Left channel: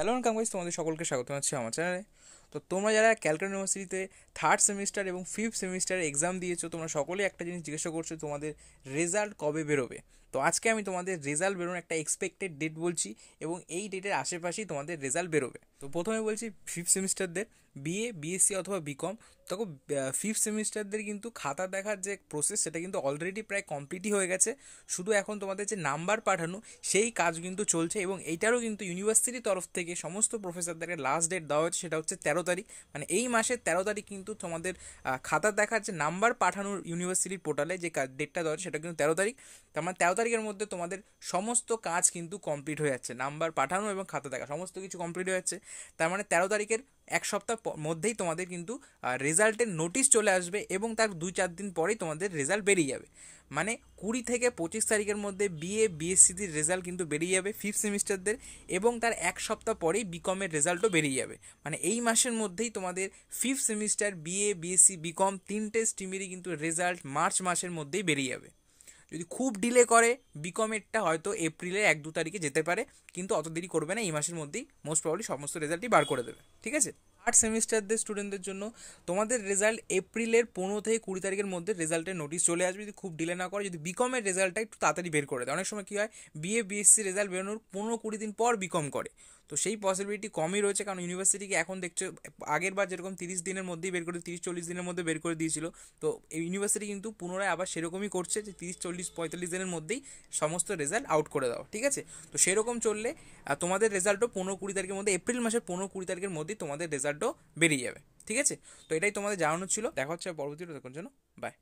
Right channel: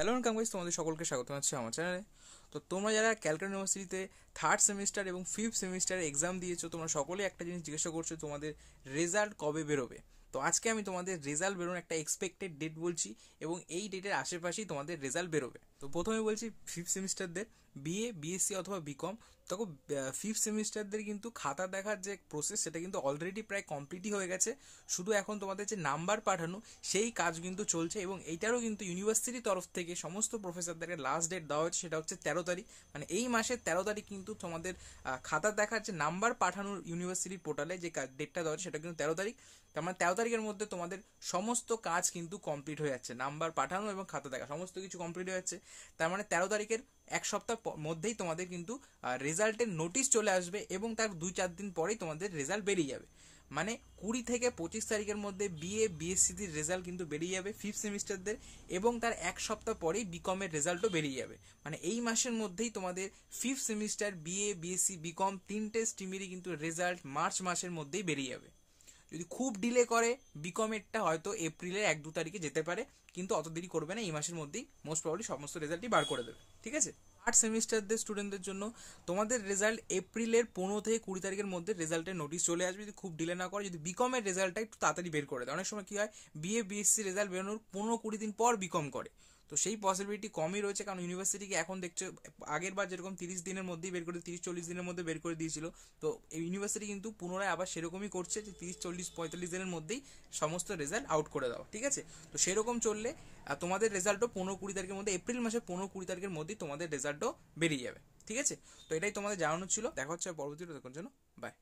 Hello guys, তোমাদের সকলকে স্বাগত জানাচ্ছি আমার চ্যানেলে। তো তোমরা যারা ক্যালকাটা ইউনিভার্সিটিতে থার্ড সেমিস্টার এবং ফিফথ সেমিস্টারে এক্সাম দিয়েছো, তোমরা সকলেই একটা জিনিস জিজ্ঞাসা করছো, তোমাদের রেজাল্ট কবে বেরোবে। তো আজকে আমি তোমাদের রেজাল্ট বেরোনোর একটা এক্সপেক্টেড ডেট বলছি এবং এই ডেটের আশেপাশেই তোমাদের রেজাল্ট বেরোবে। তো প্রথমে বলছি ফিফথ সেমিস্টারদের বিএ, বিএসসি অথবা বিকম। দেখো, ফিফথ সেমিস্টারদের কিন্তু খাতা দেখার যে প্রসেস সেটা কিন্তু অলরেডি প্রায় কমপ্লিটই হয়ে গেছে। শুধু এখন তোমাদের যে নাম্বার পাঠানো সেই কাজ কিন্তু চলছে এবং এইটারও কিন্তু ইউনিভার্সিটির তরফ থেকে সমস্ত প্রফেসরদেরকে লাস্ট ডেট দেওয়া হয়েছে, সেটা হচ্ছে 13 তারিখ। মানে এই মাসের 13 তারিখ কিন্তু তোমাদের খাতা দেখার যে নাম্বার পাঠানোর ইউনিভার্সিটির পোর্টালে যে ডেটটা দেওয়া হচ্ছে সেটা কিন্তু 13 তারিখ। তার মানে 13 তারিখের মধ্যে তোমাদের সমস্ত কাজ কিন্তু কমপ্লিট হয়ে যাচ্ছে, নাম্বার পাঠানো এবং খাতা দেখা সমস্ত কিছু কমপ্লিট হয়ে যাচ্ছে। তার মানে 13 তারিখের এক সপ্তাহ মধ্যেই তোমাদের কিন্তু রেজাল্টের নোটিশ চলে আসবে এবং তার 2-4 দিন পরেই তোমাদের রেজাল্ট বেরিয়ে যাবে। মানে 20 থেকে 25 তারিখের মধ্যে বিএ, বিএসসির রেজাল্ট কিন্তু বেরিয়ে যাবে ফিফথ সেমিস্টারদের, এবং তার এক সপ্তাহ পরেই বিকমের রেজাল্টও বেরিয়ে যাবে। মানে এই মাসের মধ্যেই তোমাদের fifth semester, BA, BSc, BCom তিনটে স্ট্রিমেরই কিন্তু রেজাল্ট মার্চ মাসের মধ্যেই বেরিয়ে যাবে। যদি খুব ডিলে করে বিকমেরটা হয়তো এপ্রিলের 1-2 তারিখে যেতে পারে, কিন্তু অত দেরি করবে না, এই মাসের মধ্যেই মোস্ট প্রবাবলি সমস্ত রেজাল্টই বার করে দেবে। ঠিক আছে। থার্ড সেমিস্টারদের স্টুডেন্টদের জন্য তোমাদের রেজাল্ট এপ্রিলের 15 থেকে 20 তারিখের মধ্যে রেজাল্টের নোটিশ চলে আসবে, যদি খুব ডিলে না করে। যদি বিকমের রেজাল্টটা একটু তাড়াতাড়ি বের করে দেয়, অনেক সময় কী হয়, বিএ, বিএসসি রেজাল্ট বেরোনোর 15-20 দিন পর বিকম করে, তো সেই পসিবিলিটি কমই রয়েছে। কারণ ইউনিভার্সিটিকে এখন দেখছো, আগের বার যেরকম 30 দিনের মধ্যেই বের করে, 30-40 দিনের মধ্যে বের করে দিয়েছিল, তো এই ইউনিভার্সিটি কিন্তু পুনরায় আবার সেরকমই করছে যে 30-40-45 দিনের মধ্যেই সমস্ত রেজাল্ট আউট করে দাও। ঠিক আছে। তো সেরকম চললে তোমাদের রেজাল্টও 15-20 তারিখের মধ্যে, এপ্রিল মাসের 15-20 তারিখের মধ্যেই তোমাদের রেজাল্টও বেরিয়ে যাবে। ঠিক আছে। তো এটাই তোমাদের জানানোর ছিল। দেখা হচ্ছে পরবর্তীতে, দেখার জন্য বাই।